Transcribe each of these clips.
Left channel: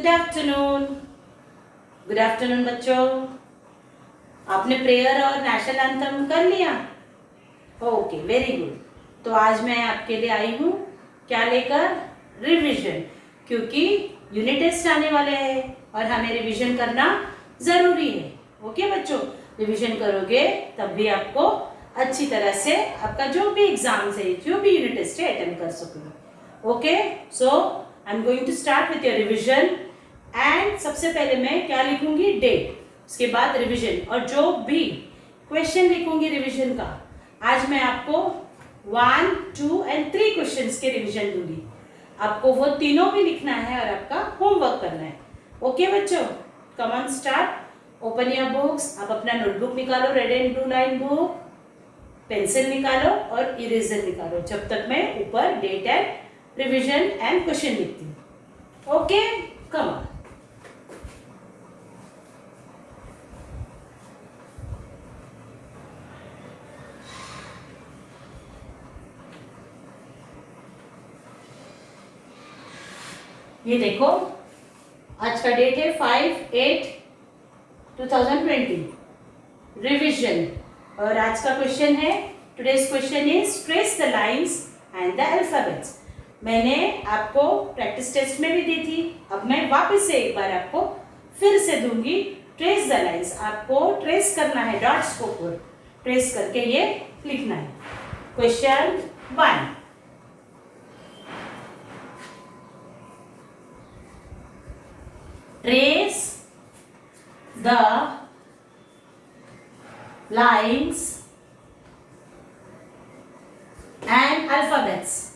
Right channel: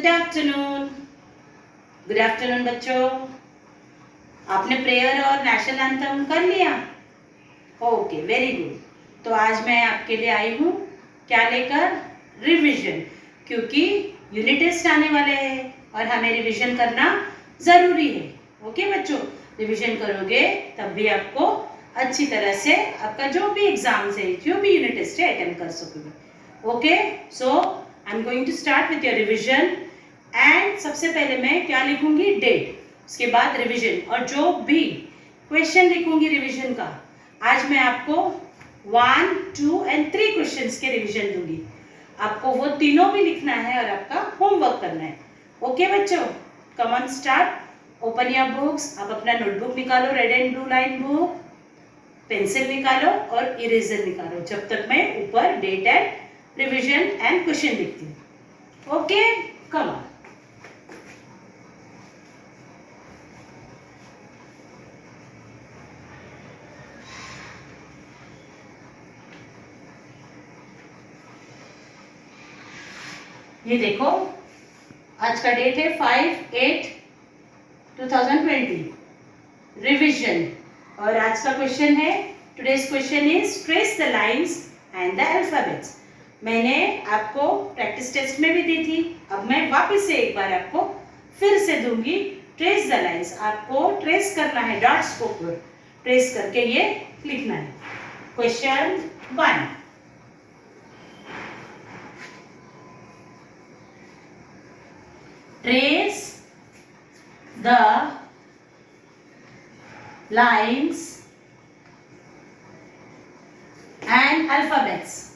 Good afternoon. Good afternoon बच्चों, आपने प्रेयर और नेशनल एंथम कर लिया? Okay, very good. तो आज मैं आपके लिए आई हूँ क्या लेकर? रिवीजन, क्योंकि यूनिट टेस्ट आने वाले हैं और हमें रिवीजन करना ज़रूरी है। ओके बच्चों, रिवीजन करोगे तब भी आपको अच्छी तरह से आपका जो भी एग्जाम्स है, जो भी यूनिट टेस्ट है, अटेंड कर सकोगे। Okay, so I am going to start with your revision. And सबसे पहले मैं क्या लिखूंगी? डेट, उसके बाद रिवीजन, और जो भी क्वेश्चन लिखूंगी रिवीजन का, आज मैं आपको 1, 2 एंड 3 क्वेश्चंस के रिवीजन दूंगी। आपको वो तीनों भी लिखना है और आपका होमवर्क करना है। ओके बच्चों, come on start. Open your books. आप अपना नोटबुक निकालो, red and blue line book, pencil निकालो और इरेजर निकालो, जब तक मैं ऊपर date and revision and question लिखती हूँ। Okay, come on. ये देखो, आज का डेट है 5/8/2020। रिवीजन, और आज का क्वेश्चन है, today's question is trace the lines and the alphabets. मैंने आपको प्रैक्टिस टेस्ट में भी दी थी, अब मैं वापस से एक बार आपको फिर से दूंगी। ट्रेस द लाइंस, आपको ट्रेस करना है, डॉट्स को ऊपर ट्रेस करके ये लिखना है। क्वेश्चन 1, trace the lines and alphabets.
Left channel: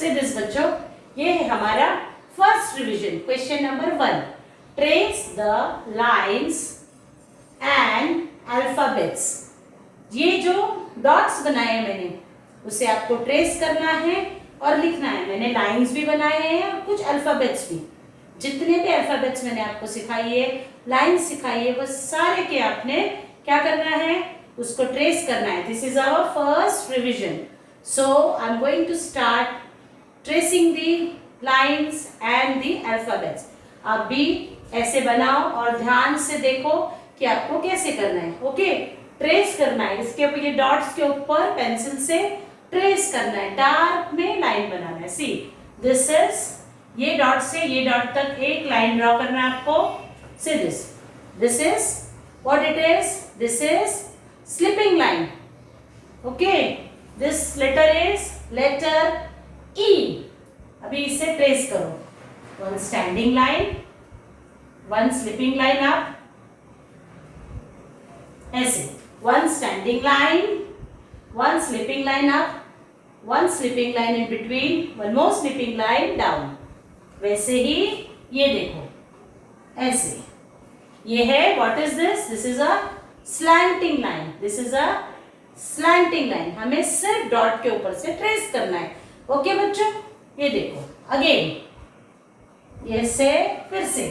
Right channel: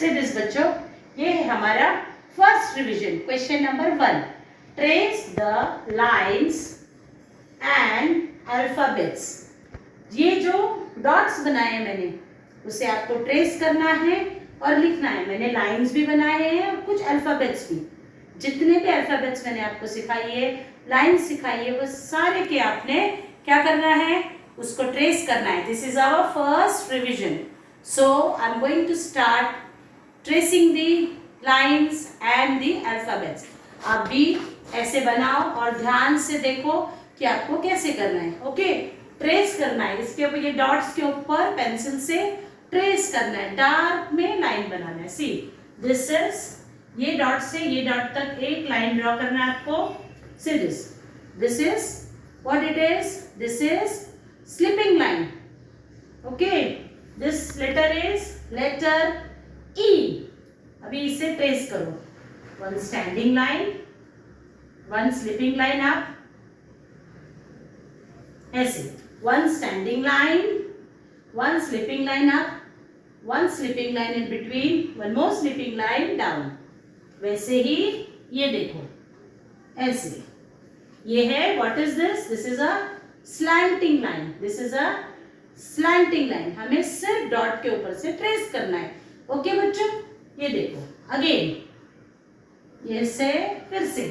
See this बच्चों, ये है हमारा first revision. Question number 1, trace the lines and alphabets. ये जो डॉट्स बनाए हैं मैंने, उसे आपको ट्रेस करना है और लिखना है। मैंने लाइंस भी बनाए हैं और कुछ अल्फाबेट्स भी। जितने भी अल्फाबेट्स मैंने आपको सिखाई है, लाइंस सिखाई है, वो सारे के आपने क्या करना है? उसको ट्रेस करना है। This is our first revision, so I am going to start tracing the lines and the alphabets. आप भी ऐसे बनाओ और ध्यान से देखो कि आपको कैसे करना है। ओके, ट्रेस करना है, इसके ऊपर ये डॉट्स के ऊपर पेंसिल से ट्रेस करना है, डार्क में लाइन बनाना है। सी दिस इज, ये डॉट से ये डॉट तक एक लाइन ड्रॉ करना है आपको। See this is what it is, this is sleeping line. Okay, this letter is letter E. अभी इसे ट्रेस करो। One standing line, one sleeping line up, ऐसे one standing line, one sleeping line up, one sleeping line in between, one more sleeping line down. वैसे ही ये देखो, ऐसे ये है। What is this? This is a slanting line, this is a slanting line. हमें सिर्फ डॉट के ऊपर से ट्रेस करना है। ओके बच्चों, ये देखो अगेन, ये से फिर से,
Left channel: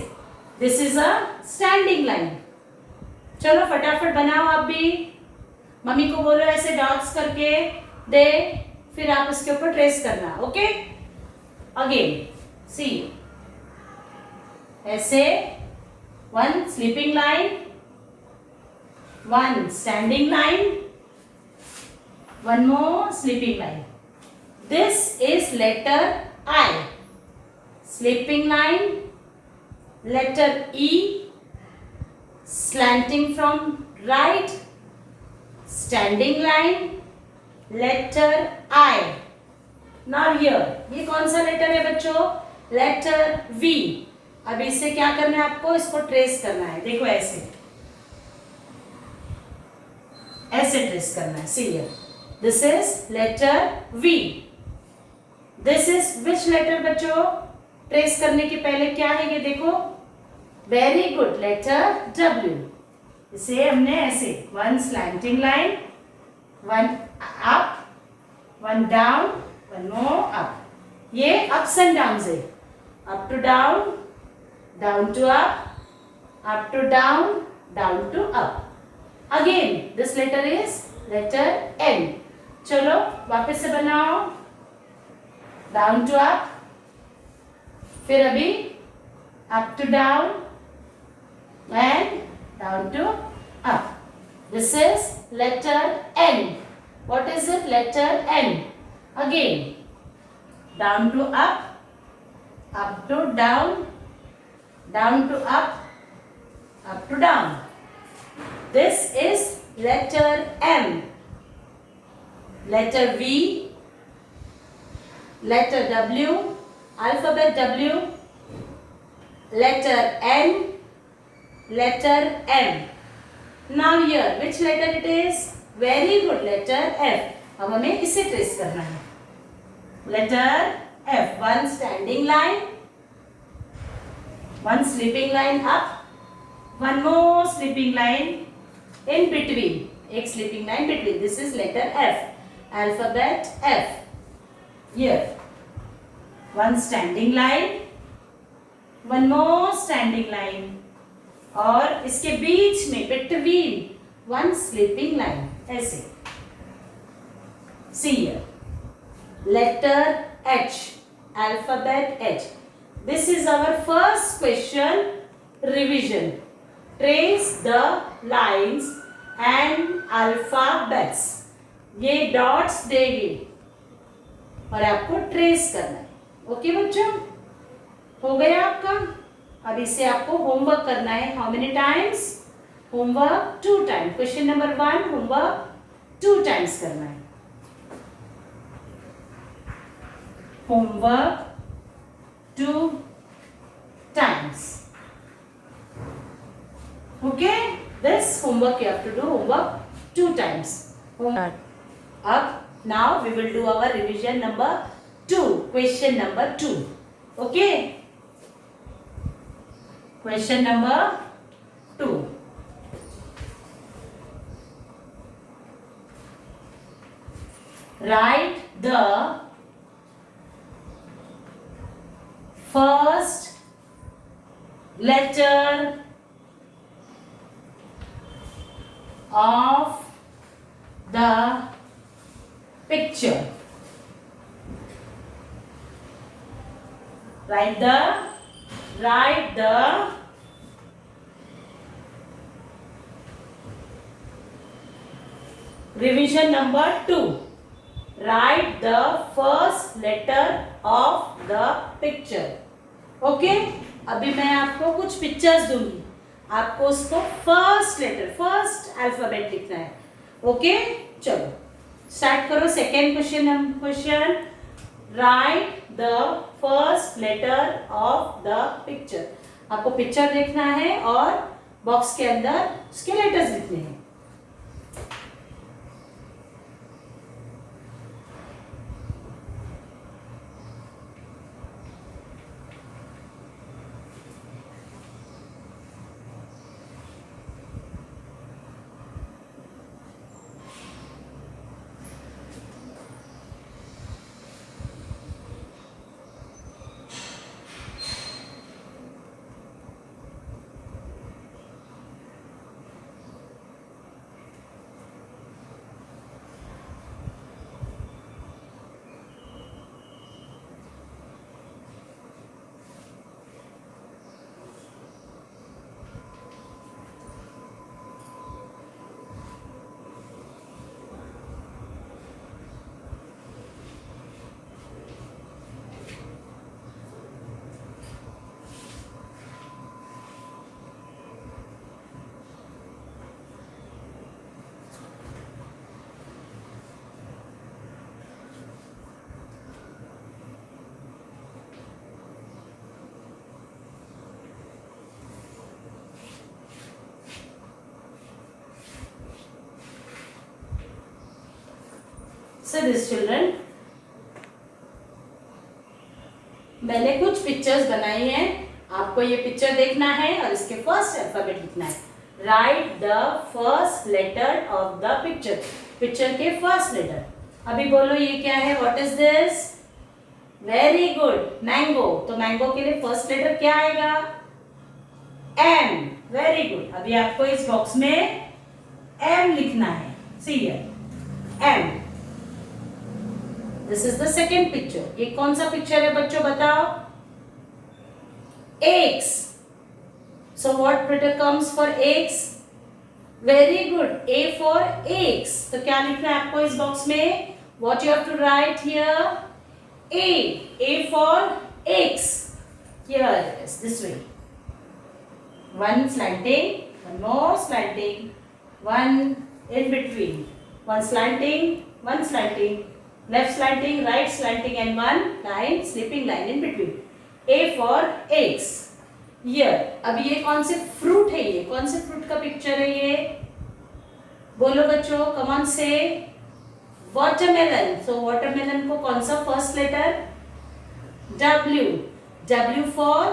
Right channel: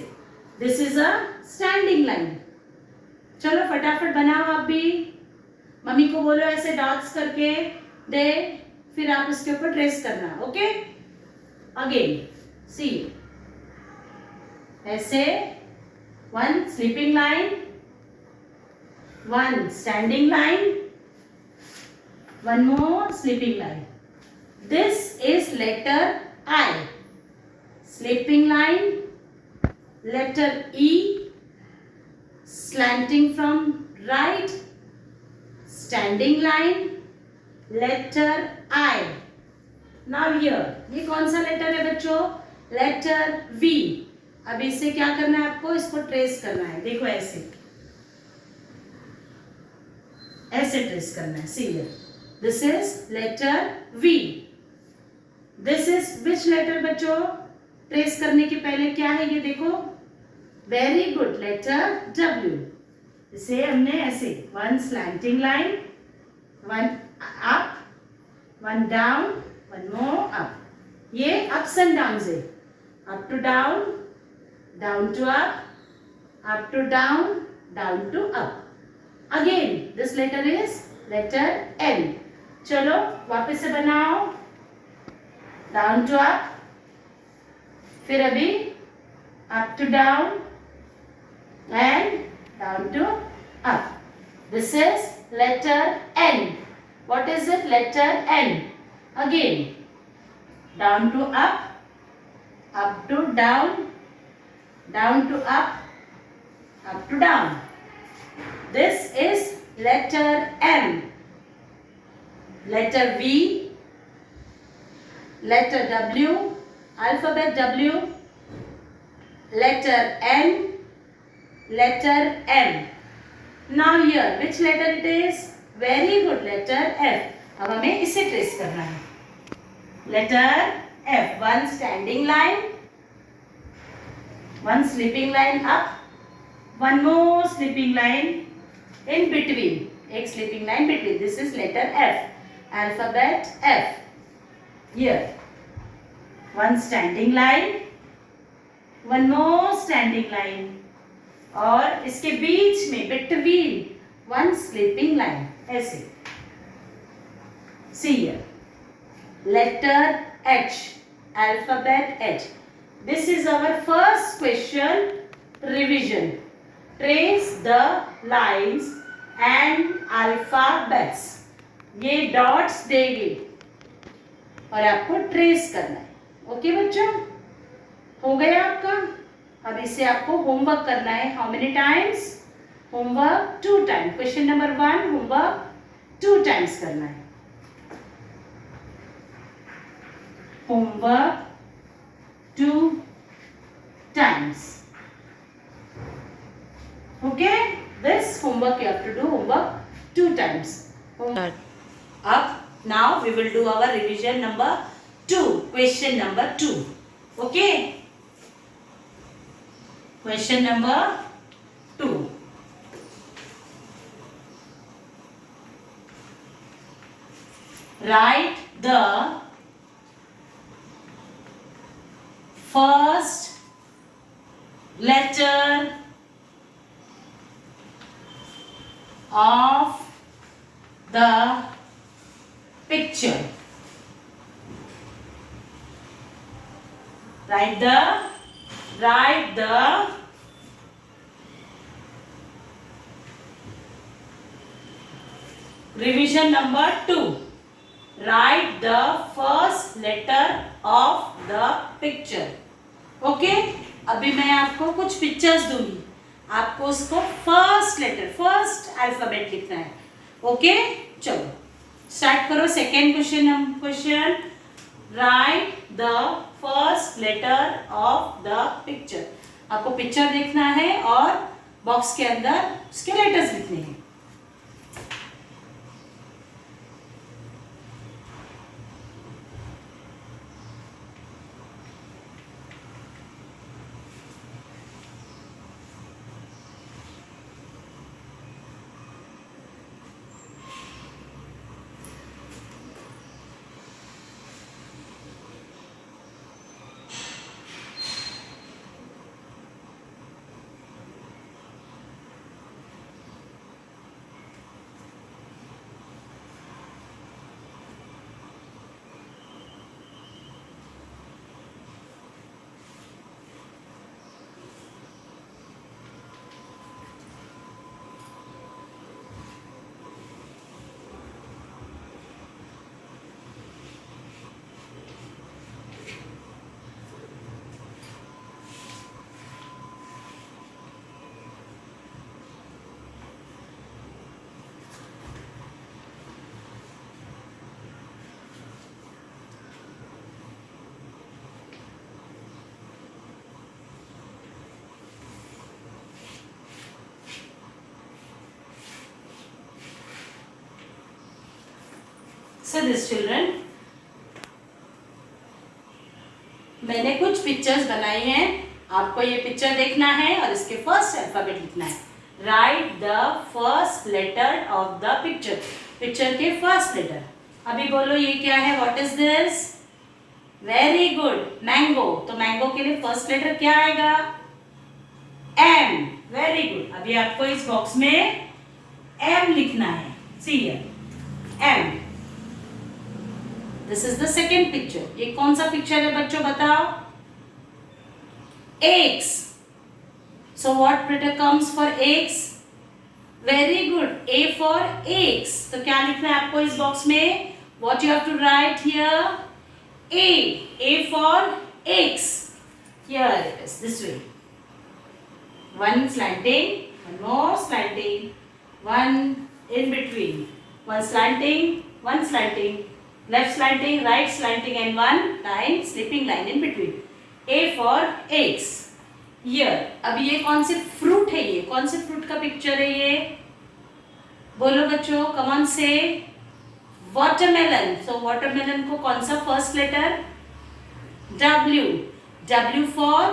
this is a standing line. चलो फटाफट बनाओ, आप भी मम्मी को बोलो ऐसे डॉट्स करके दे, फिर आप उसके ऊपर ट्रेस करना। ओके, Again, see, ऐसे one sleeping line, one standing line, one more sleeping line. This is letter I. Sleeping line, letter E, slanting from right, standing line, letter I. Now here, ये कौन सा लेटर है बच्चों? Letter V. अब इससे क्या करना है आपको? इसको ट्रेस करना है. देखो ऐसे ऐसे ट्रेस करना है. See here. This is letter V. This is which letter बच्चों? ट्रेस करने के पहले क्या है ये देखो. Very good. Letter W. इसे हमने ऐसे one slanting line, one up, one down, one more up. ये अप्स एंड डाउन है. Up to down, down to up to down, down to up. Again this letter is letter N. चलो वापस से बनाओ. Down to up, फिर अभी up to down and down to up. This is letter N. What is it? Letter N. Again, down to up to down to up to down. This is letter M. Letter V, letter W, alphabet W, letter N, letter M. Now here, which letter it is? Very good, letter F. अब हमें इसे ट्रेस करना है. Letter F. One standing line, one sleeping line up, one more sleeping line in between. एक sleeping line between. This is letter F. Alphabet F. Here, one standing line, one more standing line. और इसके बीच में between one sleeping line. ऐसे see here letter H, alphabet H. This is our first question revision. Trace the lines and alphabets. ये dots देगी और आपको ट्रेस करना है. ओके बच्चों, हो गया आपका. अब इससे आपको होमवर्क करना है. How many times? Homework 2 times. Question number 1 homework 2 times करना है. Homework 2 times. Okay, this homework you have to do homework 2 times. अब now we will do our revision number 2. Question number 2. Okay, question number 2. Write the first letter of the picture. Write the revision number 2. Write the first letter of the picture. Okay? अभी मैं आपको कुछ पिक्चर्स दूंगी. आपको उसको first letter, first alphabet लिखना है. ओके, चलो स्टार्ट करो. Second question. Write the first letter of the picture. आपको पिक्चर देखना है और बॉक्स के अंदर उसके लेटर्स लिखने हैं. So this children, मैंने कुछ पिक्चर्स बनाई हैं, आपको ये पिक्चर देखना है और इसके फर्स्ट अल्फाबेट लिखना है. Write the first letter of the picture. Picture के फर्स्ट लेटर. अभी बोलो ये क्या है? What is this? Very good, mango. तो मैंगो के लिए फर्स्ट लेटर क्या आएगा? एम. Very good. अभी आपको इस बॉक्स में एम लिखना है. See here, M. This is the second picture. ये कौन सा पिक्चर है बच्चों, बताओ? eggs. So what letter comes for eggs? Very good. A for eggs. तो क्या लिखना है आपको इस बॉक्स में? What you have to write here? A. A for eggs. Here it is. This way. One slanting. One more slanting. One in between. One slanting. One slanting. Left slanting, right slanting, and one line, slipping line in between. A for eggs. Here. अभी ये कौन से फ्रूट है? ये कौन से फ्रूट का पिक्चर है ये? बोलो बच्चों, come on say. Watermelon. So watermelon को कौन सा first letter? W. W for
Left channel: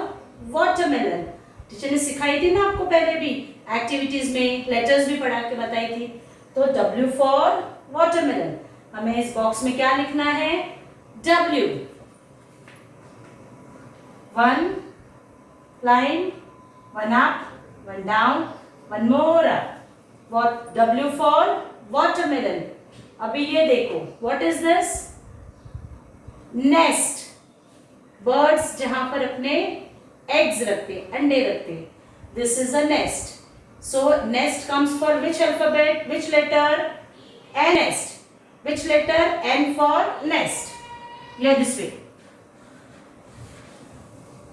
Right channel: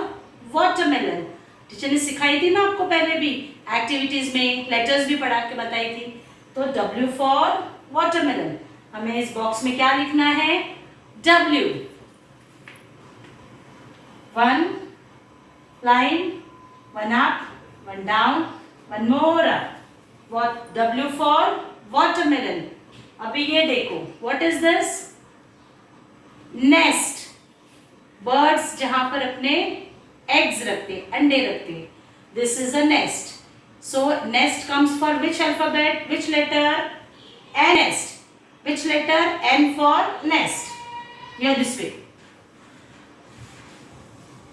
watermelon. Teacher ने सिखाई थी ना आपको पहले भी एक्टिविटीज में, लेटर्स भी पढ़ा के बताई थी. तो W फॉर वाटरमेलन. हमें इस बॉक्स में क्या लिखना है? W. One line, one up, one down, one more up. What? W for watermelon. अभी ये देखो, what is this? Nest. Birds जहां पर अपने eggs रखते, अंडे रखते. This is a nest. So nest comes for which alphabet? Which letter? Nest. Which letter? N for nest. Here this way.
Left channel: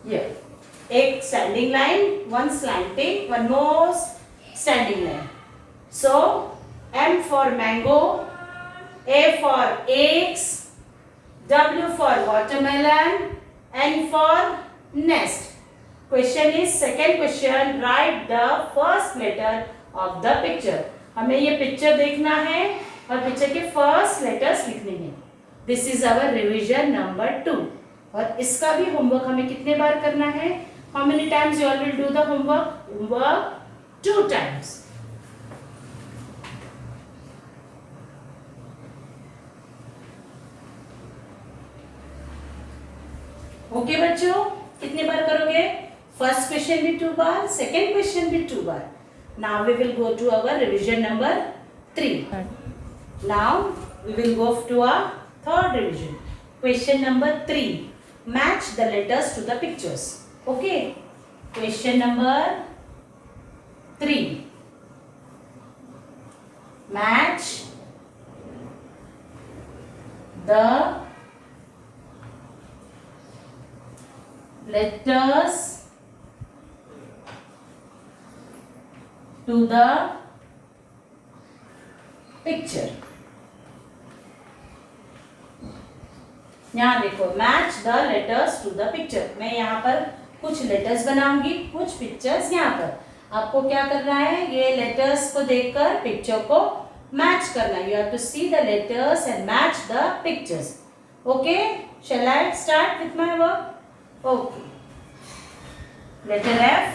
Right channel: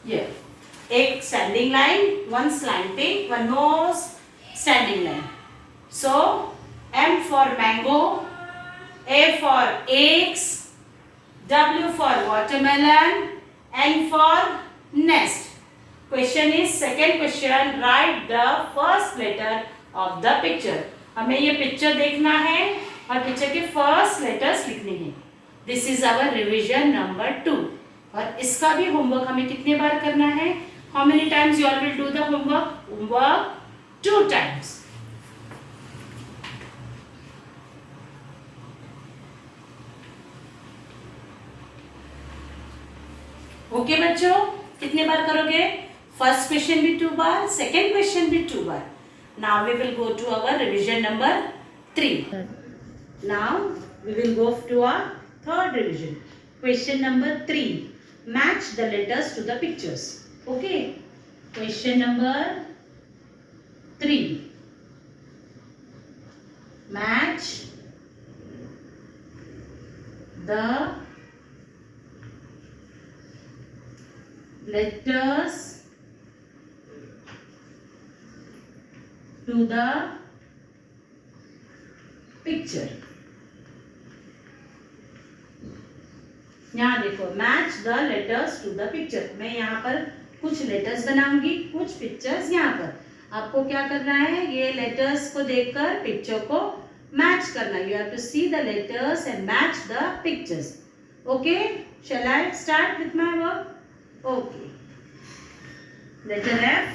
Here. एक standing line, one slanting, one more standing line. So M for mango, A for eggs, W for watermelon, N for nest. Question is second question. Write the first letter of the picture. हमें ये पिक्चर देखना है और पिक्चर के first letters लिखने हैं. This is our revision number 2. और इसका भी होमवर्क हमें कितने बार करना है? How many times you all will do the homework? Homework 2 times. Okay बच्चों, कितने बार करोगे? फर्स्ट क्वेश्चन भी 2 बार, सेकेंड क्वेश्चन भी 2 बार. Now we will go to our revision number 3. Now we will go to our third revision. Question number 3. Match the letters to the pictures. Okay. Question number 3. Match the letters to the picture. यहाँ देखो, match the letters to the picture. मैं यहाँ पर कुछ लेटर्स बनाऊंगी, कुछ पिक्चर्स यहाँ पर. आपको क्या करना है? ये लेटर्स को देखकर पिक्चर को मैच करना. You have to see the letters and match the pictures. Okay, shall I start with my work? Okay. Letter F,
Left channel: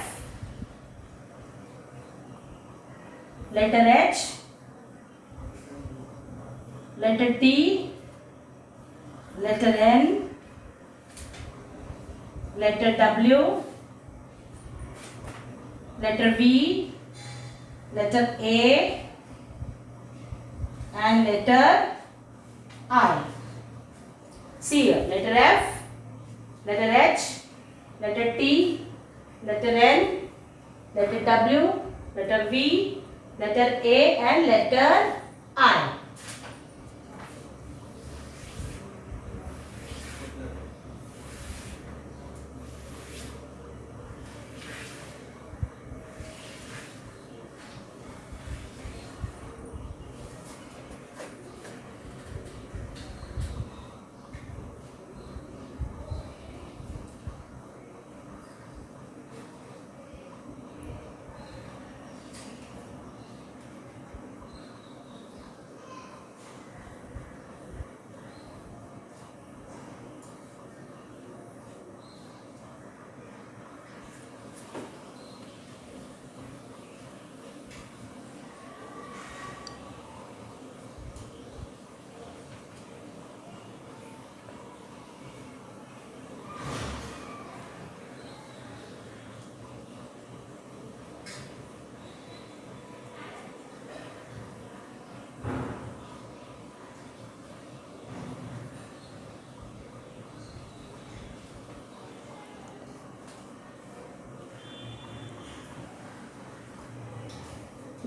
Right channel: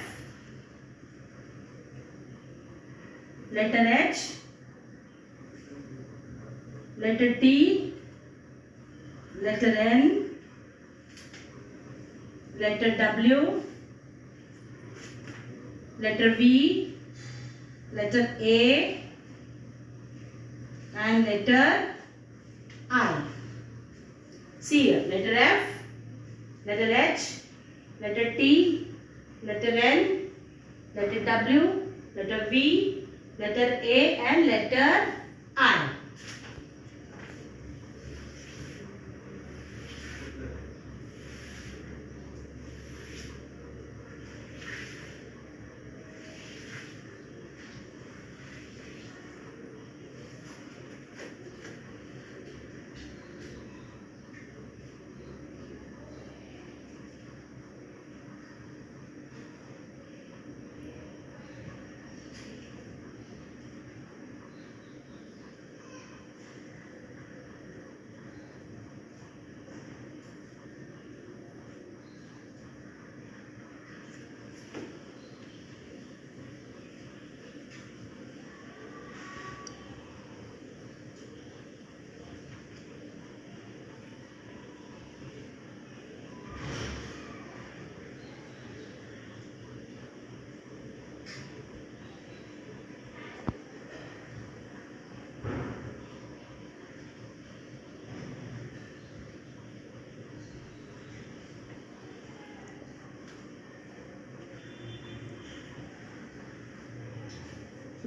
letter H, letter T, letter N, letter W, letter V, letter A, and letter I. See here, letter F, letter H, letter T, letter N, letter W, letter V, letter A, and letter I.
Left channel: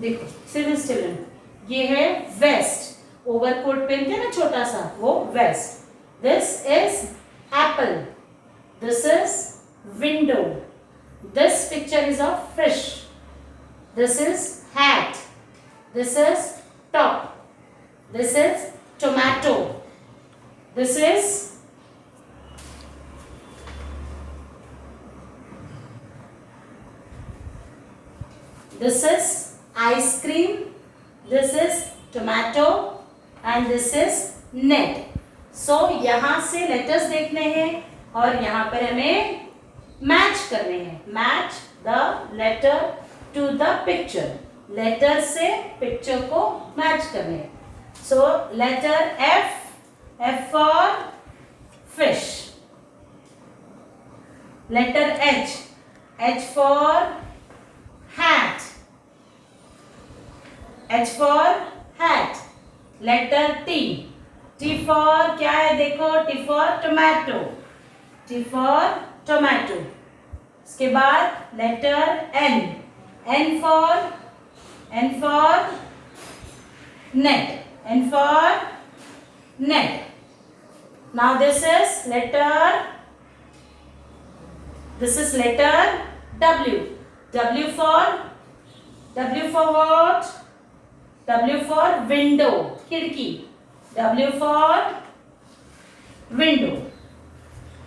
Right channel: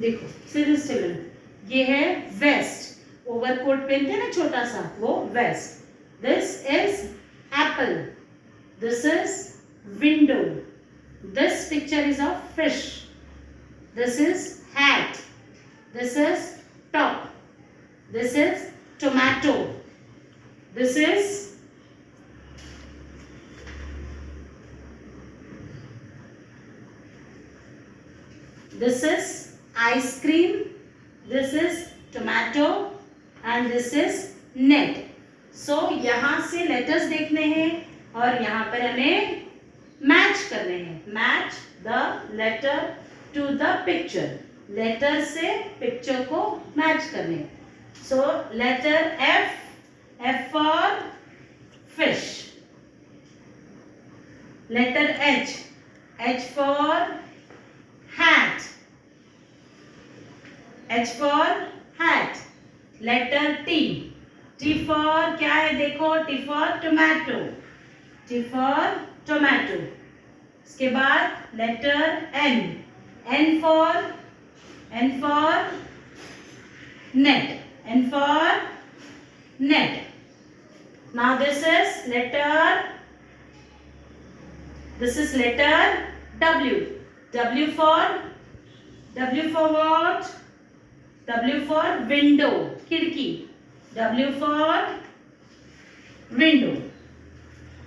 देखो civil children, ये है waste, overcoat पहनते हैं ना छोटा सा, वो vest. This is apple, this is window, this picture is of fish, this is hat, this is top, this is tomato, this is this is ice cream, this is tomato and this is net. So यहाँ से लेटर्स देखने हैं और यहाँ पर हमें match करने हैं, match the letter to the picture, letter से पिक्चर को मैच करने हैं। So letter F, F for fish, letter H, H for hat, H for hat, letter T, T for क्या है देखो, T for tomato, T for tomato। इसके बाद letter N, N for net, N for net। Now this is letter W, W for what? W for window, खिड़की, W for window,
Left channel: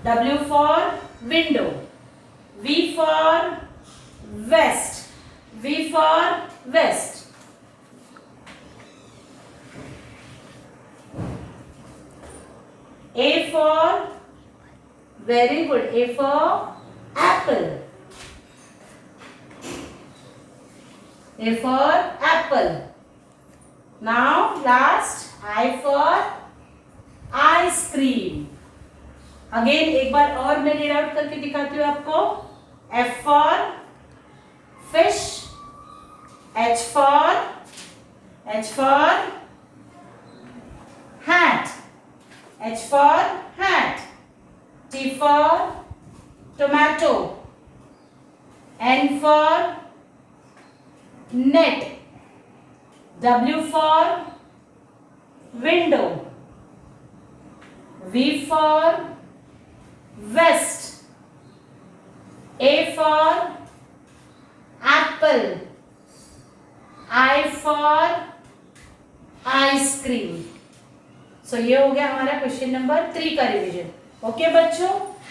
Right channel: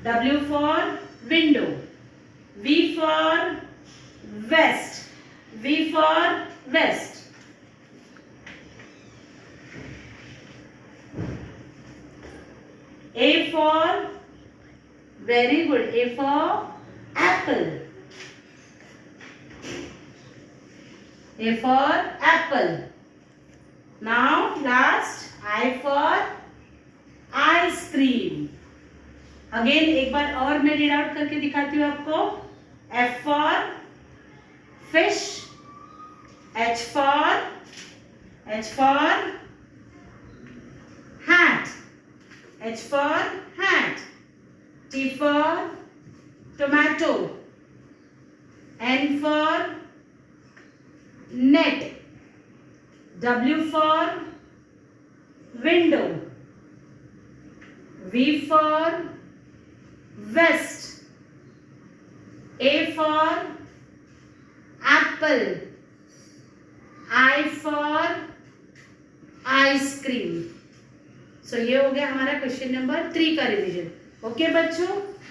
W for window। V for vest, V for vest। A for, very good, A for apple, A for apple। Now last I for ice cream। Again एक बार और मैं read out करके दिखाती हूँ आपको। F for fish, H for hat, H for hat, T for tomato, N for net, W for window, V for vest, A for apple, I for ice cream। सो ये हो गया हमारा क्वेश्चन नंबर 3 का revision. Okay बच्चों,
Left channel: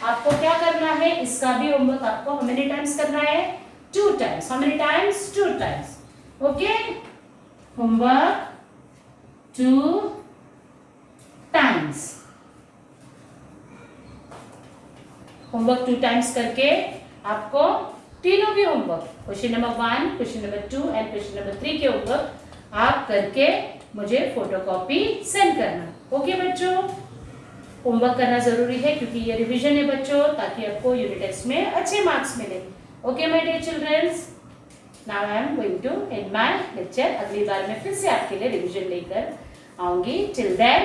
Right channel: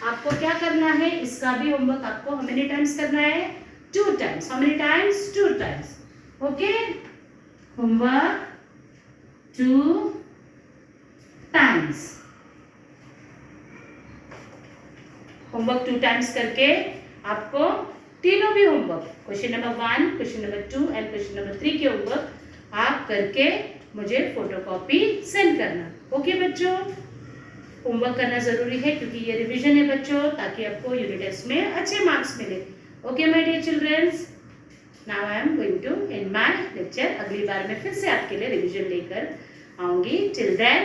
आपको क्या करना है, इसका भी होमवर्क आपको हाउ मेनी टाइम्स करना है, 2 times. How many times, 2 times. Okay, homework 2 times, homework 2 टाइम्स करके आपको तीनों भी homework, question number 1, question number 2 and question number 3 के होमवर्क आप करके मुझे फोटोकॉपी सेंड करना। ओके बच्चों, होमवर्क करना जरूरी है क्योंकि ये रिवीजन है बच्चों, ताकि आपको यूनिट टेस्ट में अच्छे मार्क्स मिले। Okay my dear childrens, now I am going to end my lecture. अगली बार मैं फिर से आपके लिए रिवीजन लेकर आऊंगी। Till then